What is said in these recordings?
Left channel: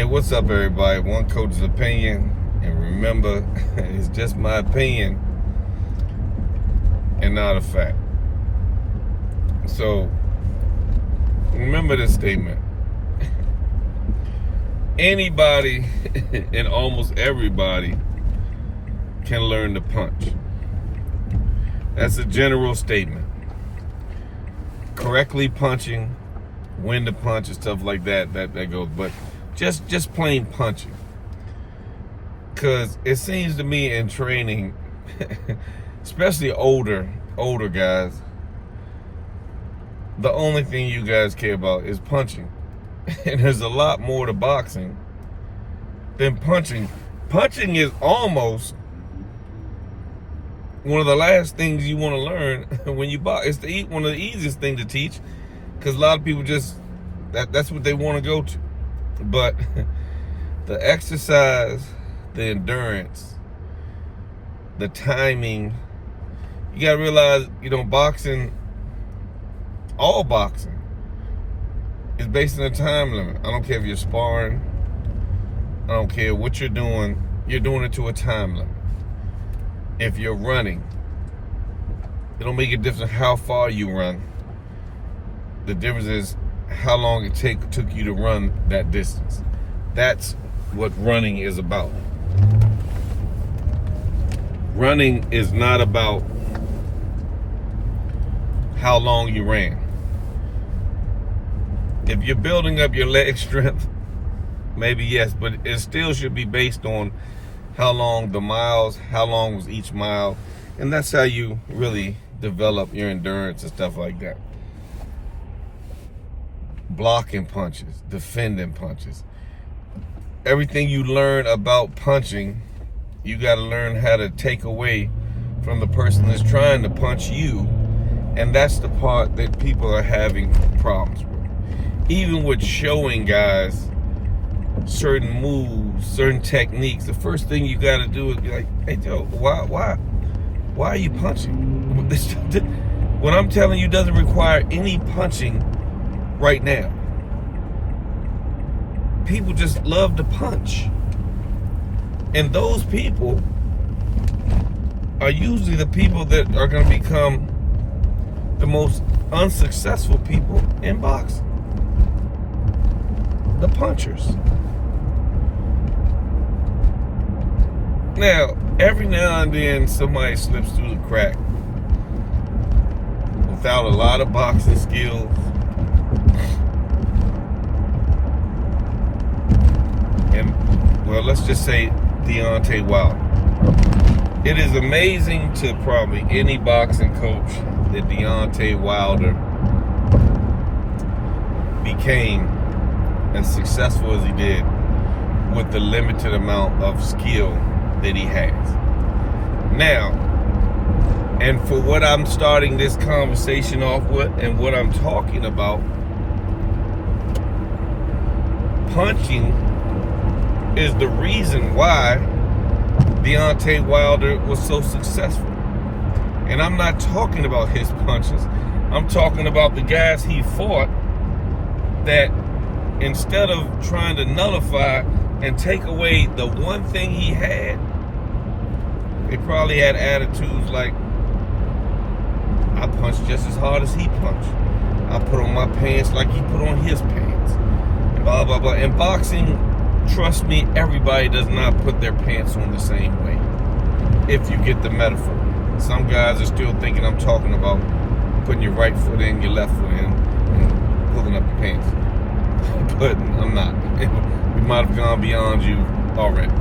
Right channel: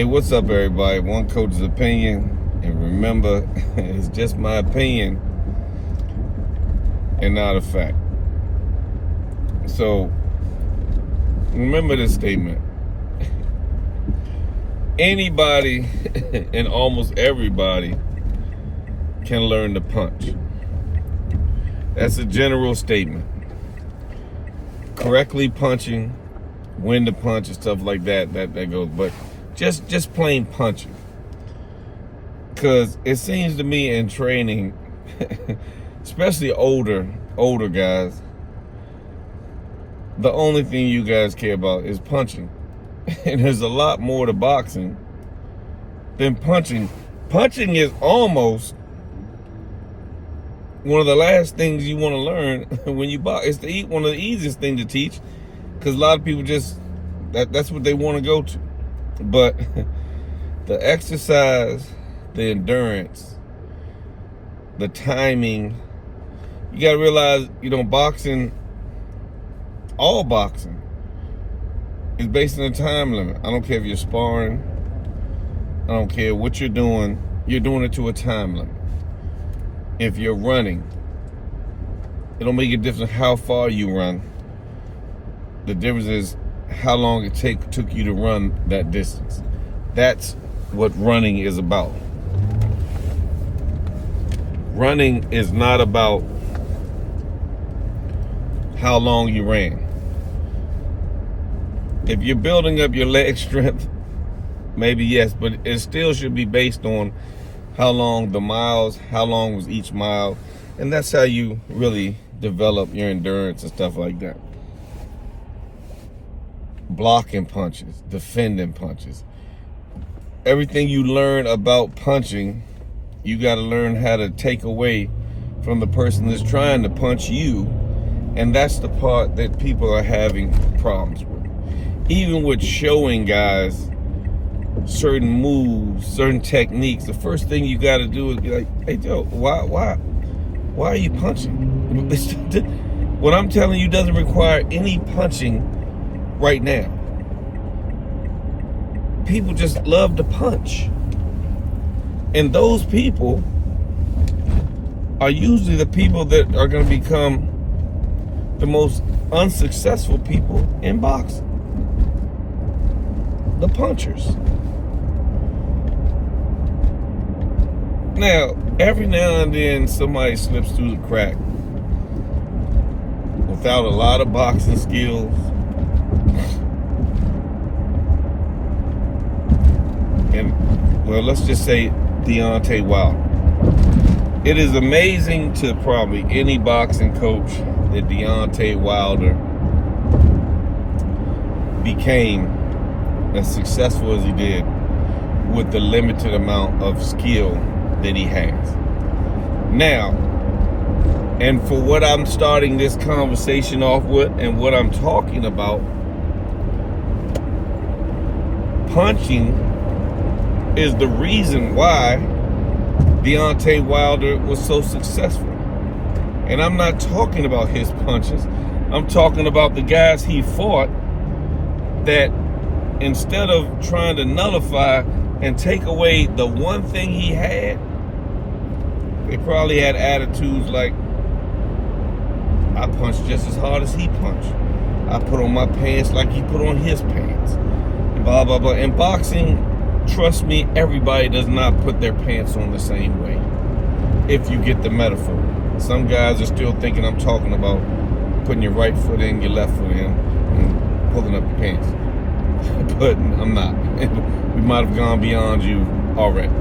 Hey, what's up, everybody? One coach's opinion, and remember, it's just my opinion and not a fact. So, remember this statement. Anybody and almost everybody can learn to punch. That's a general statement. Correctly punching, when to punch and stuff like that goes, but just plain punching. Because it seems to me in training, especially older guys, the only thing you guys care about is punching. And there's a lot more to boxing than punching. Punching is almost one of the last things you want to learn when you box. It's one of the easiest things to teach, because a lot of people that's what they want to go to. But the exercise, the endurance, the timing, you got to realize, boxing, all boxing is based on a time limit. I don't care if you're sparring. I don't care what you're doing it to a time limit. If you're running, it don't make a difference how far you run. The difference is how long it took you to run that distance. That's what running is about. Running is not about how long you ran. If you're building up your leg strength, maybe yes, but it still should be based on how long the miles, how long was each mile, and that's how you really develop your endurance and stuff like that. Blocking punches, defending punches. Everything you learn about punching, you got to learn how to take away from the person that's trying to punch you, and that's the part that people are having problems with. Even with showing guys certain moves, certain techniques, the first thing you got to do is be like, hey Joe, why are you punching? What I'm telling you doesn't require any punching right now. People just love to punch, and those people are usually the people that are going to become the most unsuccessful people in boxing. The punchers. Now, every now and then somebody slips through the crack without a lot of boxing skills. And, well, let's just say Deontay Wilder. It is amazing to probably any boxing coach that Deontay Wilder became as successful as he did with the limited amount of skill that he has. Now, and for what I'm starting this conversation off with and what I'm talking about, punching is the reason why Deontay Wilder was so successful. And I'm not talking about his punches. I'm talking about the guys he fought that instead of trying to nullify and take away the one thing he had, they probably had attitudes like, I punched just as hard as he punched. I put on my pants like he put on his pants. Blah, blah, blah. In boxing, trust me, everybody does not put their pants on the same way. If you get the metaphor. Some guys are still thinking I'm talking about putting your right foot in, your left foot in, and pulling up your pants. But I'm not. We might have gone beyond you already.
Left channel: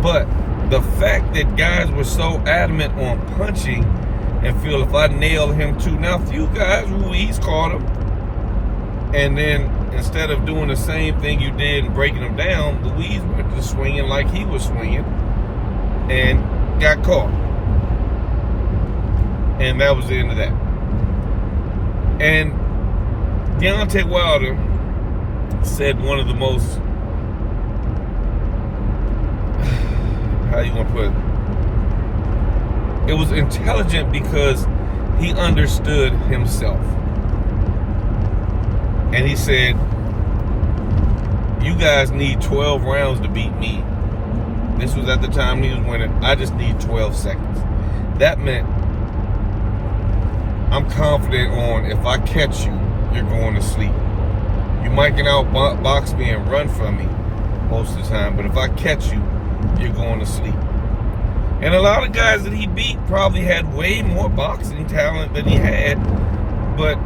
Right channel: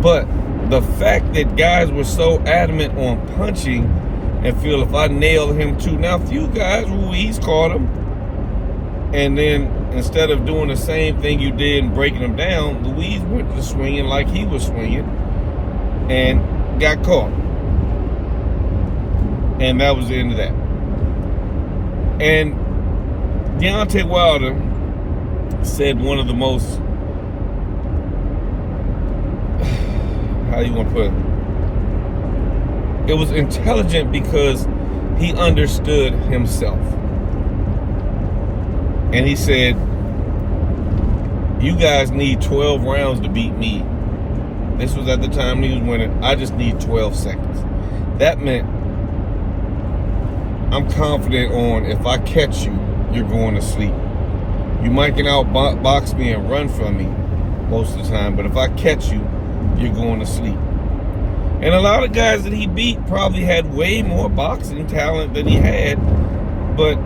But the fact that guys were so adamant on punching and feel if I nail him too. Now, a few guys, Ruiz caught him. And then instead of doing the same thing you did and breaking him down, Ruiz went to swinging like he was swinging and got caught. And that was the end of that. And Deontay Wilder said one of the most, how you want to put it? It was intelligent because he understood himself. And he said, You guys need 12 rounds to beat me. This was at the time he was winning. I just need 12 seconds. That meant I'm confident on if I catch you, you're going to sleep. You might can outbox me and run from me most of the time, but if I catch you, you're going to sleep. And a lot of guys that he beat probably had way more boxing talent than he had. But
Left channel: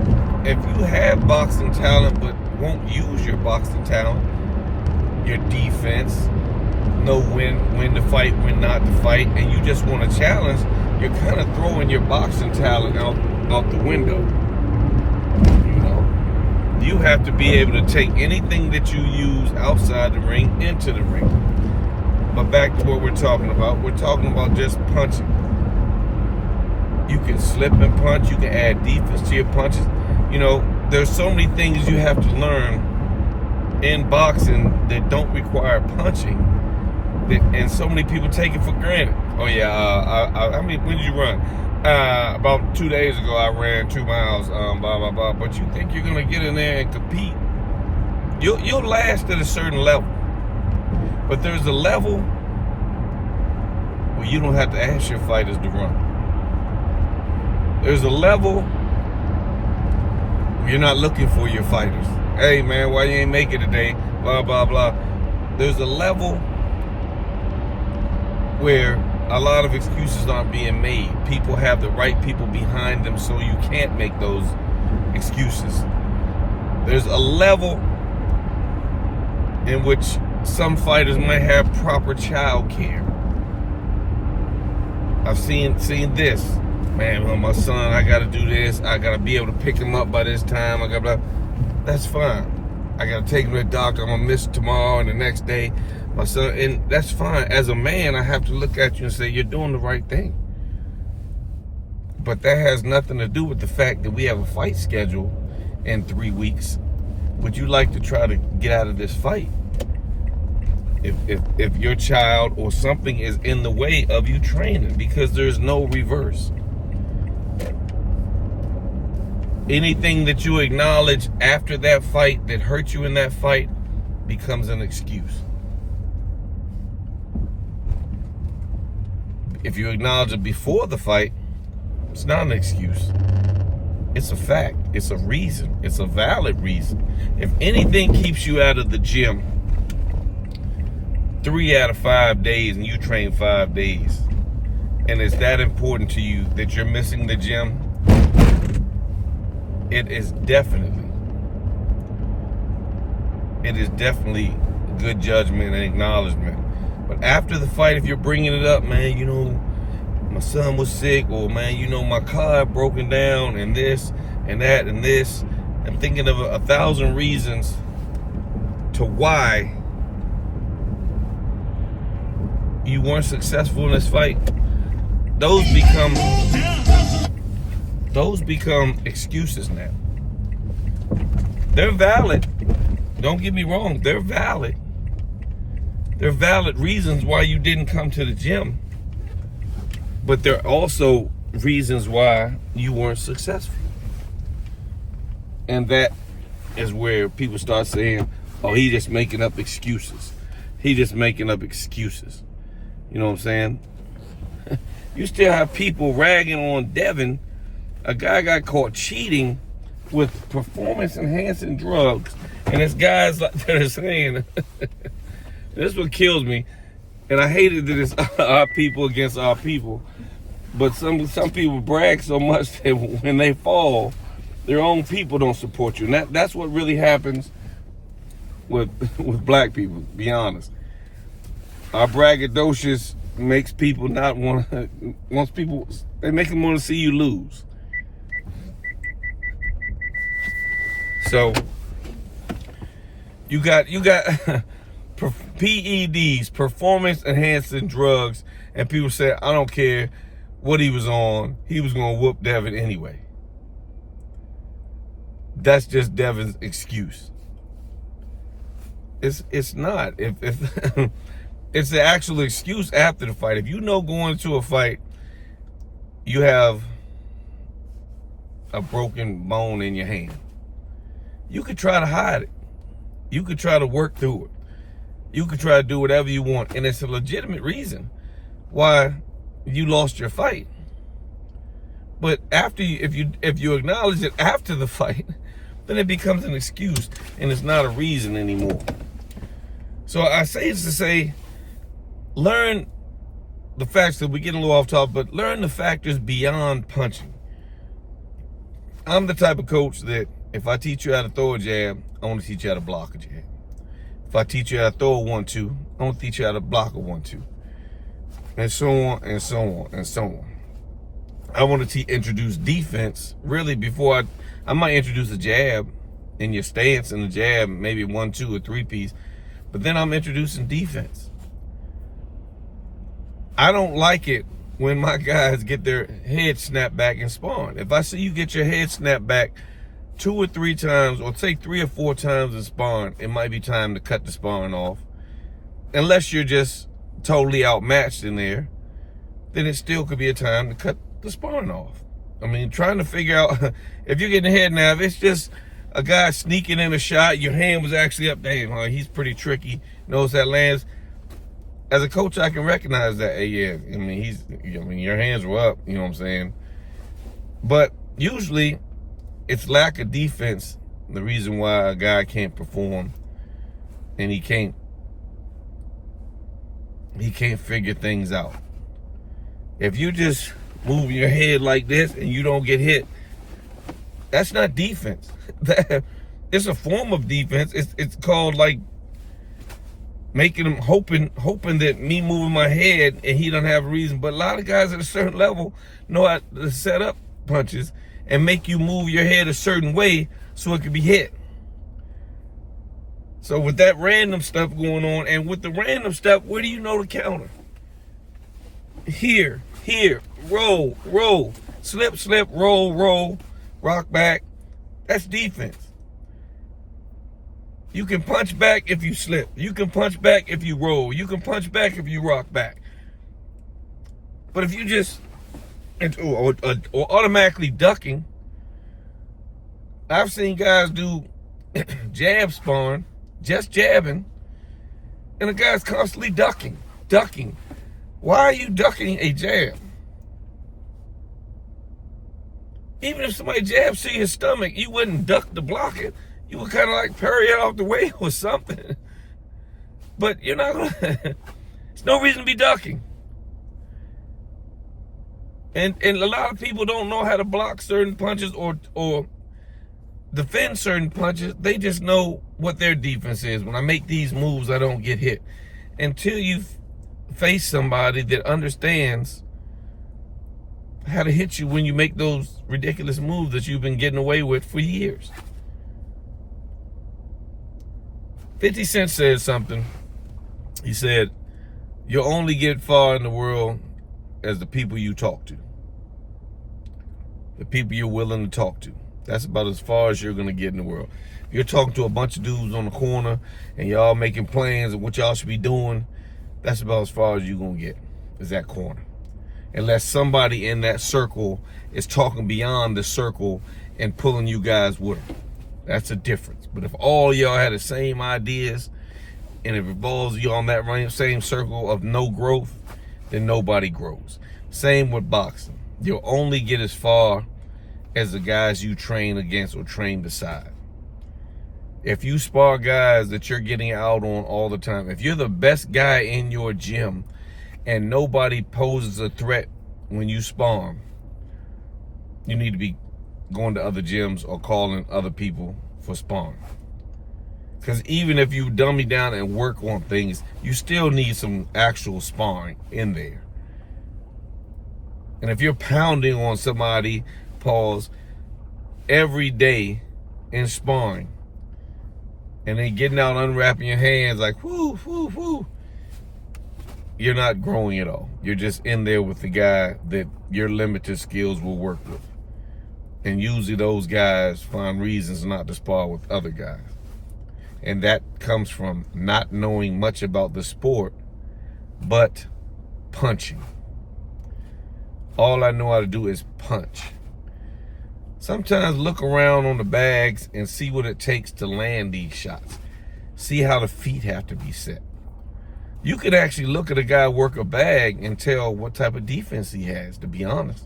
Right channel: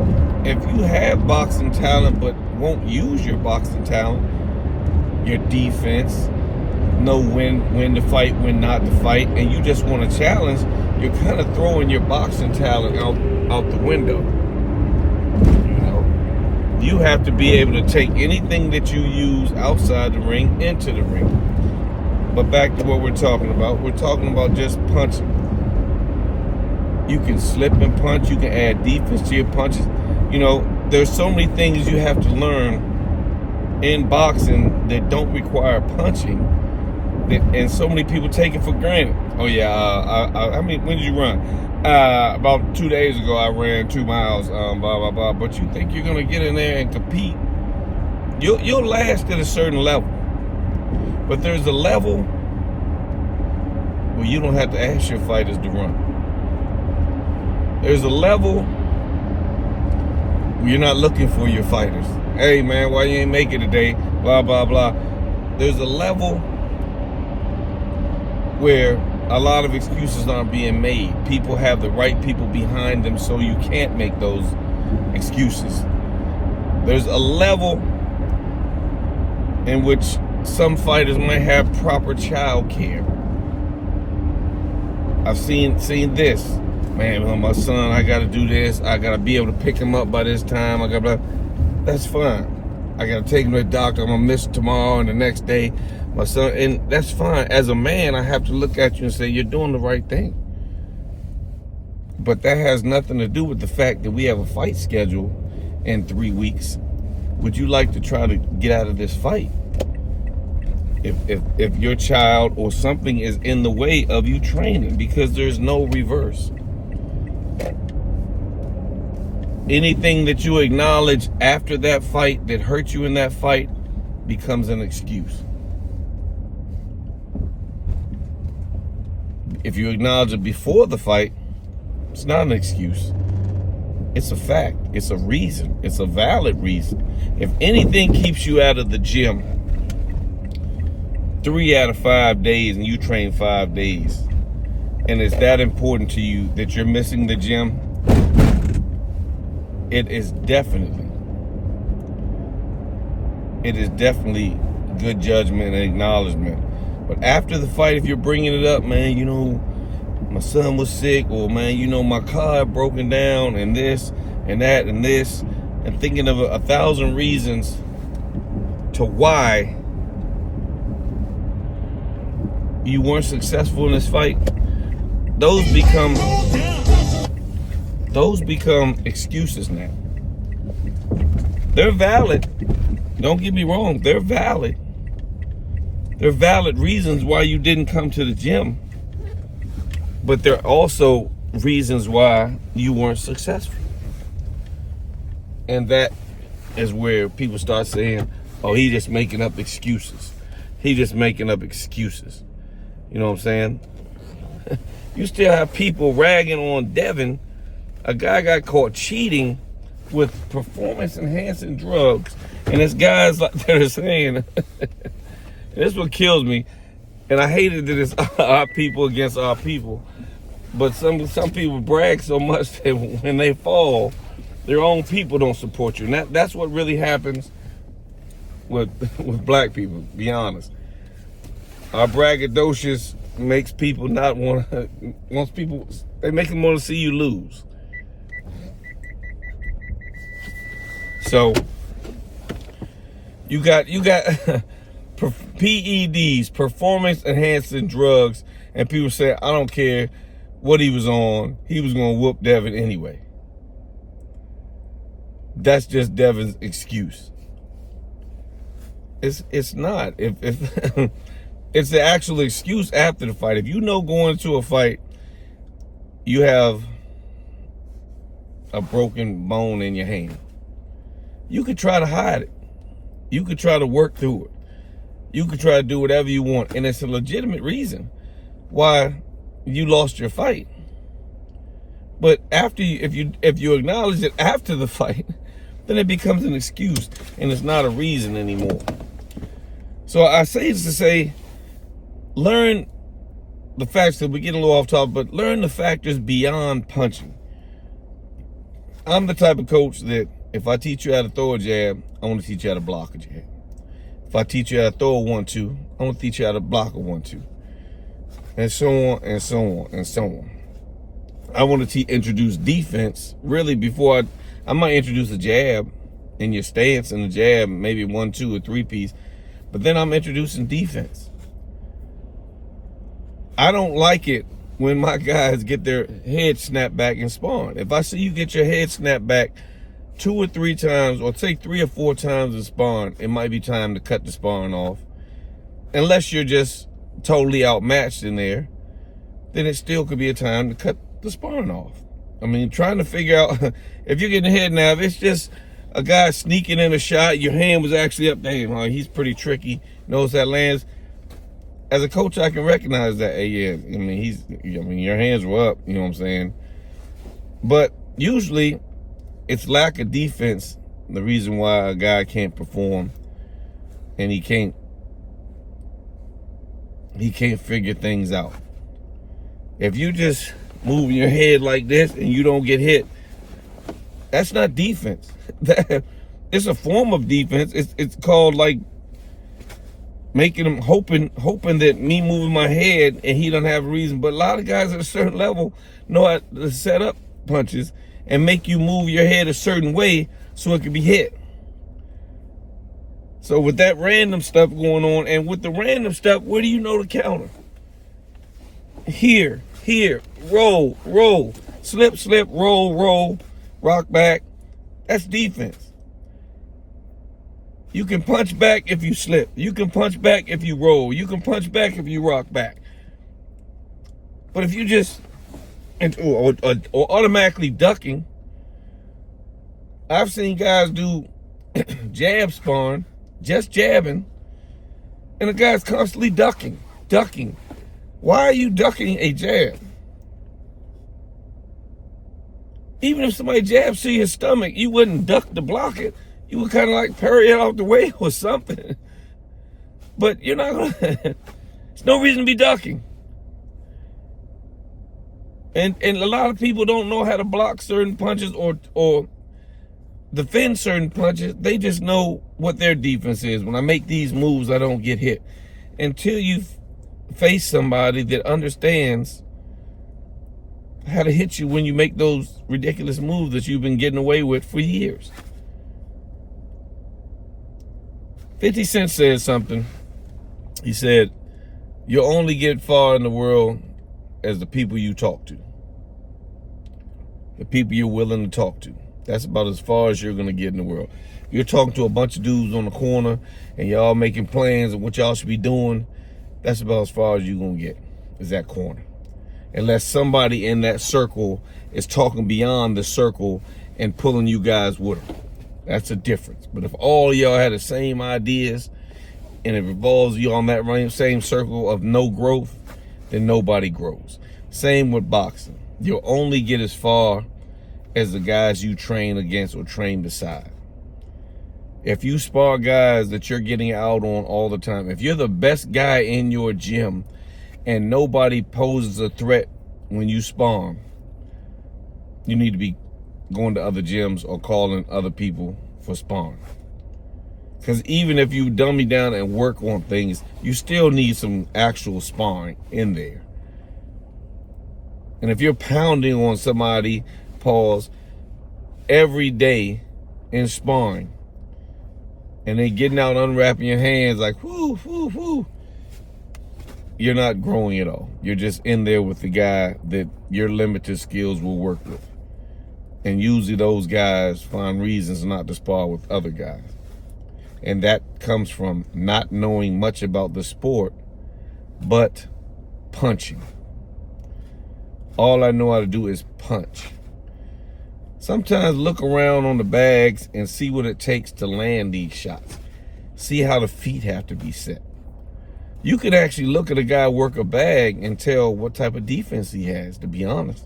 if you have boxing talent but won't use your boxing talent, your defense, know when to fight, when not to fight, and you just want to challenge, you're kind of throwing your boxing talent out the window. You know, you have to be able to take anything that you use outside the ring into the ring. But back to what we're talking about. We're talking about just punching. You can slip and punch. You can add defense to your punches. You know, there's so many things you have to learn in boxing that don't require punching. And so many people take it for granted. Oh yeah, I mean, when did you run? About 2 days ago, I ran 2 miles. Blah blah blah. But you think you're gonna get in there and compete? You'll last at a certain level. But there's a level where you don't have to ask your fighters to run. There's a level where you're not looking for your fighters. Hey man, why you ain't make it today? Blah, blah, blah. There's a level where a lot of excuses aren't being made. People have the right people behind them, so you can't make those excuses. There's a level in which some fighters might have proper child care. I've seen this. Man, my son, I gotta do this. I gotta be able to pick him up by this time. That's fine. I gotta take him to the doctor. I'm gonna miss tomorrow and the next day. My son, and that's fine. As a man, I have to look at you and say, you're doing the right thing. But that has nothing to do with the fact that we have a fight schedule in 3 weeks. Would you like to try to get out of this fight? If your child or something is in the way of you training, because there's no reverse. Anything that you acknowledge after that fight that hurt you in that fight becomes an excuse. If you acknowledge it before the fight, it's not an excuse. It's a fact. It's a reason. It's a valid reason. If anything keeps you out of the gym 3 out of 5 days and you train 5 days, and it's that important to you that you're missing the gym, it is definitely good judgment and acknowledgement. But after the fight, if you're bringing it up, man, you know, my son was sick, or man, you know, my car had broken down, and this and that and this, and thinking of 1,000 reasons to why you weren't successful in this fight, those become excuses now. They're valid. Don't get me wrong, they're valid. They're valid reasons why you didn't come to the gym. But they're also reasons why you weren't successful. And that is where people start saying, oh, he just making up excuses. He just making up excuses. You know what I'm saying? You still have people ragging on Devin. A guy got caught cheating with performance-enhancing drugs. And there's guys like that are saying, this is what kills me. And I hated that it's our people against our people. But some people brag so much that when they fall, their own people don't support you. And that's what really happens with black people, to be honest. Our braggadocious makes people not want to, they make them want to see you lose. So, you got PEDs, performance enhancing drugs, and people say, I don't care what he was on, he was going to whoop Devin anyway. That's just Devin's excuse. It's not. If it's the actual excuse after the fight. If you know going into a fight, you have a broken bone in your hand, you could try to hide it. You could try to work through it. You could try to do whatever you want, and it's a legitimate reason why you lost your fight. But after if you acknowledge it after the fight, then it becomes an excuse, and it's not a reason anymore. So I say this to say, learn the facts. That we're getting a little off topic, but learn the factors beyond punching. I'm the type of coach that if I teach you how to throw a jab, I want to teach you how to block a jab. If I teach you how to throw a 1-2, I want to teach you how to block a 1-2. And so on, and so on, and so on. I want to introduce defense, really, before I might introduce a jab in your stance and a jab, maybe 1-2 or 3-piece. But then I'm introducing defense. I don't like it when my guys get their head snapped back in sparring. If I see you get your head snapped back 2 or 3 times, or say 3 or 4 times in sparring, it might be time to cut the sparring off. Unless you're just totally outmatched in there, then it still could be a time to cut the sparring off. I mean, trying to figure out if you're getting ahead now, if it's just a guy sneaking in a shot, your hand was actually up there, he's pretty tricky, knows that lands. As a coach, I can recognize that. Hey, yeah, I mean, your hands were up, you know what I'm saying? But usually, it's lack of defense, the reason why a guy can't perform, and he can't figure things out. If you just move your head like this and you don't get hit, that's not defense. It's a form of defense. It's called like making him hoping that me moving my head and he doesn't have a reason. But a lot of guys at a certain level know how to set up punches and make you move your head a certain way so it can be hit. So with that random stuff going on, and with the random stuff, where do you know to counter? Here, roll, slip, roll, rock back. That's defense. You can punch back if you slip. You can punch back if you roll. You can punch back if you rock back. But if you just, or automatically ducking, I've seen guys do jab sparring, just jabbing, and the guy's constantly ducking. Why are you ducking a jab? Even if somebody jabs to your stomach, you wouldn't duck to block it. You would kind of like parry it off the way or something. But you're not gonna, there's no reason to be ducking. And a lot of people don't know how to block certain punches or defend certain punches. They just know what their defense is. When I make these moves, I don't get hit. Until you face somebody that understands how to hit you when you make those ridiculous moves that you've been getting away with for years. 50 Cent said something. He said, you'll only get far in the world as the people you talk to. The people you're willing to talk to. That's about as far as you're going to get in the world. You're talking to a bunch of dudes on the corner and y'all making plans of what y'all should be doing. That's about as far as you're going to get, is that corner. Unless somebody in that circle is talking beyond the circle and pulling you guys with them. That's a difference. But if all y'all had the same ideas and it revolves you on that same circle of no growth, then nobody grows. Same with boxing. You'll only get as far as the guys you train against or train beside. If you spar guys that you're getting out on all the time, if you're the best guy in your gym and nobody poses a threat when you spar, you need to be going to other gyms or calling other people for sparring. Because even if you dummy down and work on things, you still need some actual sparring in there. And if you're pounding on somebody, every day in sparring, and then getting out, unwrapping your hands like, whoo, you're not growing at all. You're just in there with the guy that your limited skills will work with. And usually those guys find reasons not to spar with other guys. And that comes from not knowing much about the sport, but punching. All I know how to do is punch. Sometimes look around on the bags and see what it takes to land these shots. See how the feet have to be set. You could actually look at a guy work a bag and tell what type of defense he has, to be honest.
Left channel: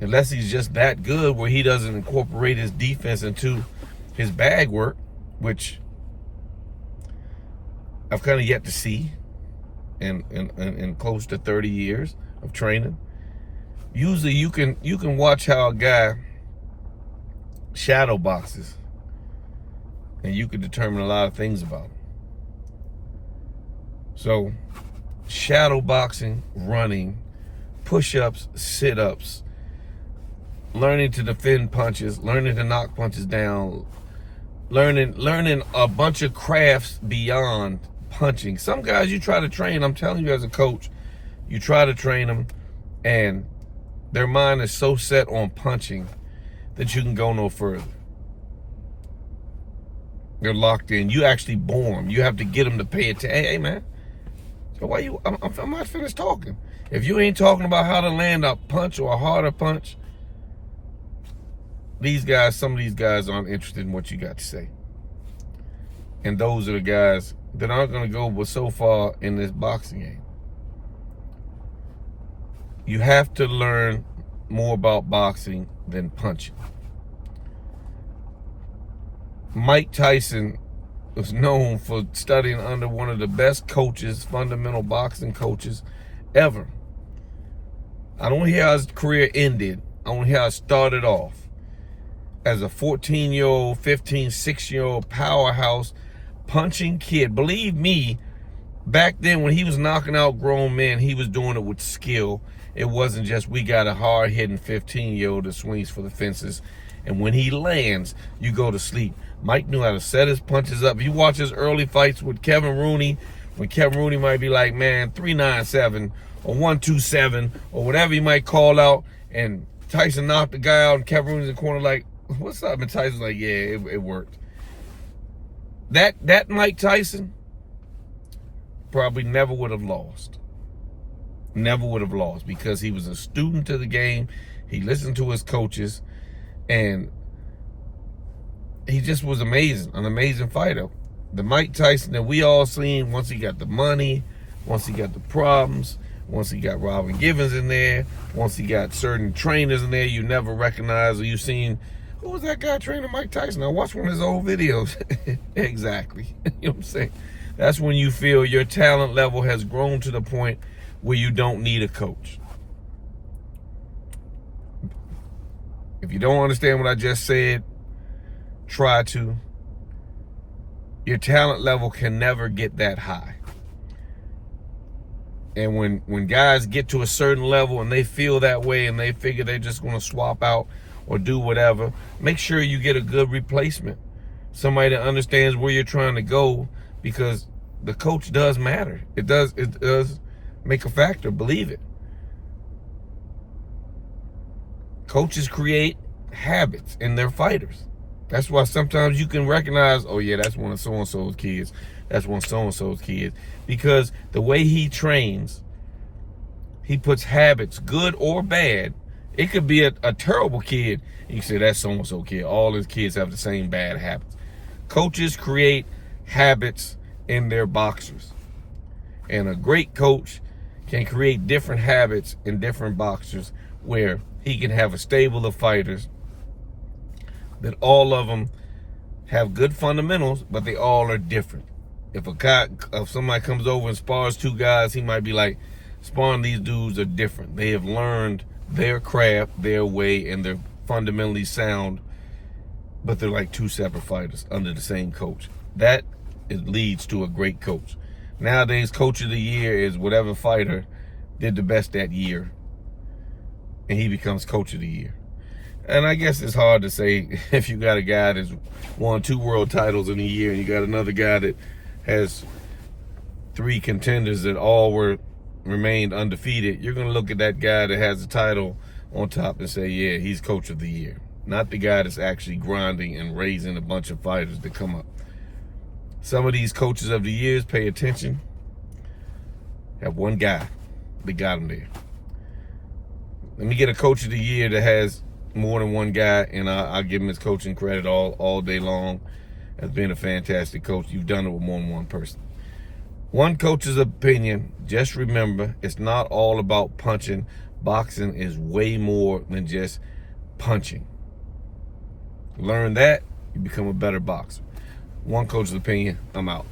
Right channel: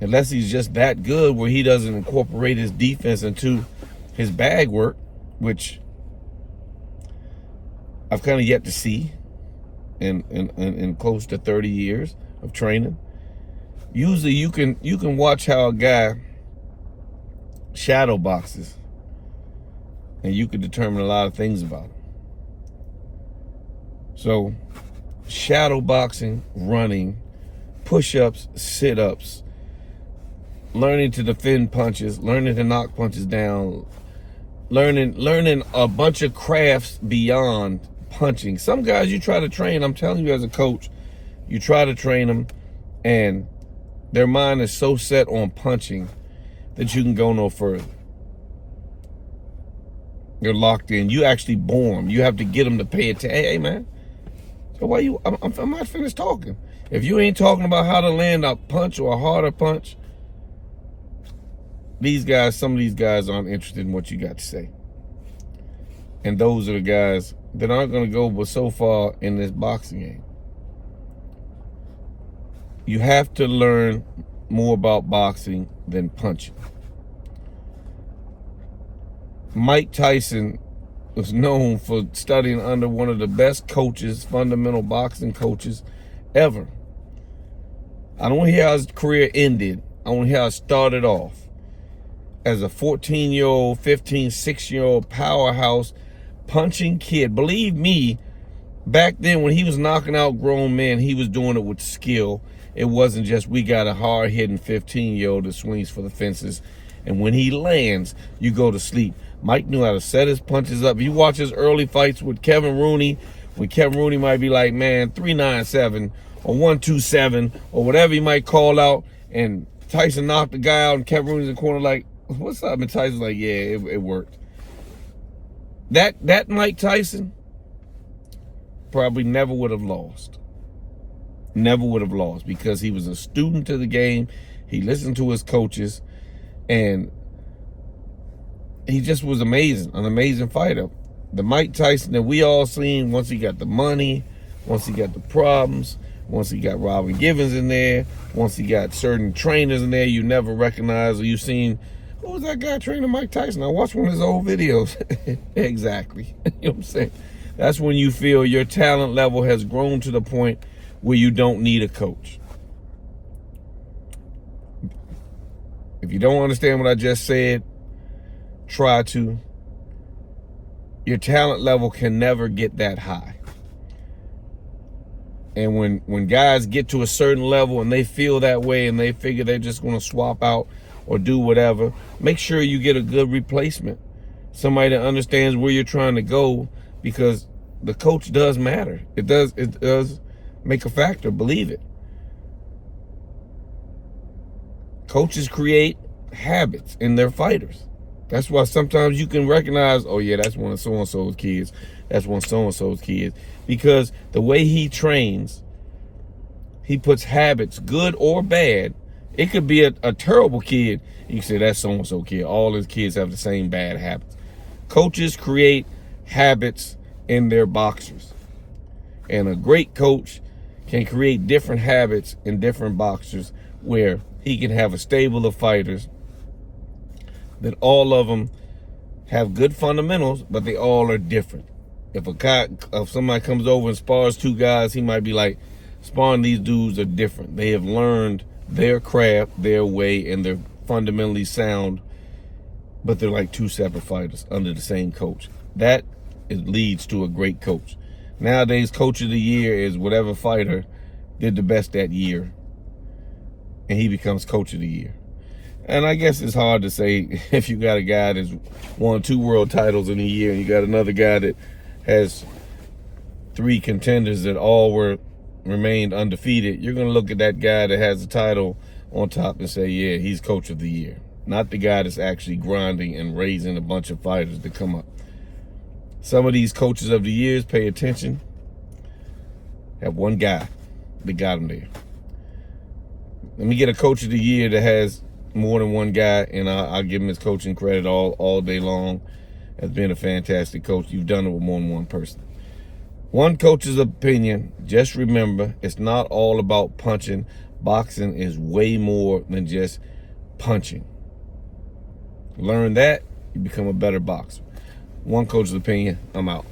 Unless he's just that good where he doesn't incorporate his defense into his bag work, which I've kind of yet to see in close to 30 years of training. Usually you can watch how a guy shadow boxes, and you can determine a lot of things about him. So shadow boxing, running, push-ups, sit-ups, learning to defend punches, learning to knock punches down, learning a bunch of crafts beyond punching. Some guys you try to train, I'm telling you as a coach, you try to train them and their mind is so set on punching that you can go no further. They're locked in. You actually bore them. You have to get them to pay attention. Hey, man. So why you, I'm not finished talking. If you ain't talking about how to land a punch or a harder punch, some of these guys aren't interested in what you got to say. And those are the guys that aren't going to go but so far in this boxing game. You have to learn more about boxing than punching. Mike Tyson was known for studying under one of the best coaches, fundamental boxing coaches ever. I don't hear how his career ended. I want to hear how it started off. As a 14-year-old, 15, 16-year-old powerhouse punching kid. Believe me, back then when he was knocking out grown men, he was doing it with skill. It wasn't just we got a hard-hitting 15-year-old that swings for the fences. And when he lands, you go to sleep. Mike knew how to set his punches up. You watch his early fights with Kevin Rooney, when Kevin Rooney might be like, man, 397 or 127 or whatever he might call out, and Tyson knocked the guy out and Kevin Rooney's in the corner like, what's up? And Tyson's like, yeah, it worked. That Mike Tyson probably never would have lost. Never would have lost because he was a student to the game. He listened to his coaches, and he just was amazing, an amazing fighter. The Mike Tyson that we all seen once he got the money, once he got the problems, once he got Robin Givens in there, once he got certain trainers in there you never recognized, or you seen, who was that guy training Mike Tyson? I watched one of his old videos. Exactly. You know what I'm saying? That's when you feel your talent level has grown to the point where you don't need a coach. If you don't understand what I just said, try to. Your talent level can never get that high. And when guys get to a certain level and they feel that way and they figure they're just going to swap out or do whatever, make sure you get a good replacement. Somebody that understands where you're trying to go, because the coach does matter. It does make a factor, believe it. Coaches create habits in their fighters. That's why sometimes you can recognize, oh yeah, that's one of so-and-so's kids. That's one of so-and-so's kids. Because the way he trains, he puts habits, good or bad. It could be a terrible kid. You can say that's so-and-so kid. All his kids have the same bad habits. Coaches create habits in their boxers. And a great coach can create different habits in different boxers where he can have a stable of fighters that all of them have good fundamentals, but they all are different. If somebody comes over and spars two guys, he might be like, sparring these dudes are different. They have learned their craft, their way, and they're fundamentally sound, but they're like two separate fighters under the same coach. That leads to a great coach. Nowadays, coach of the year is whatever fighter did the best that year, and he becomes coach of the year. And I guess it's hard to say if you got a guy that's won 2 world titles in a year and you got another guy that has 3 contenders that all remained undefeated, you're going to look at that guy that has the title on top and say, yeah, he's coach of the year. Not the guy that's actually grinding and raising a bunch of fighters to come up. Some of these coaches of the years, pay attention, have one guy that got him there. Let me get a coach of the year that has more than one guy, and I'll give him his coaching credit all day long. as being a fantastic coach. You've done it with more than one person. One coach's opinion, just remember, it's not all about punching. Boxing is way more than just punching. Learn that, you become a better boxer. One coach's opinion, I'm out.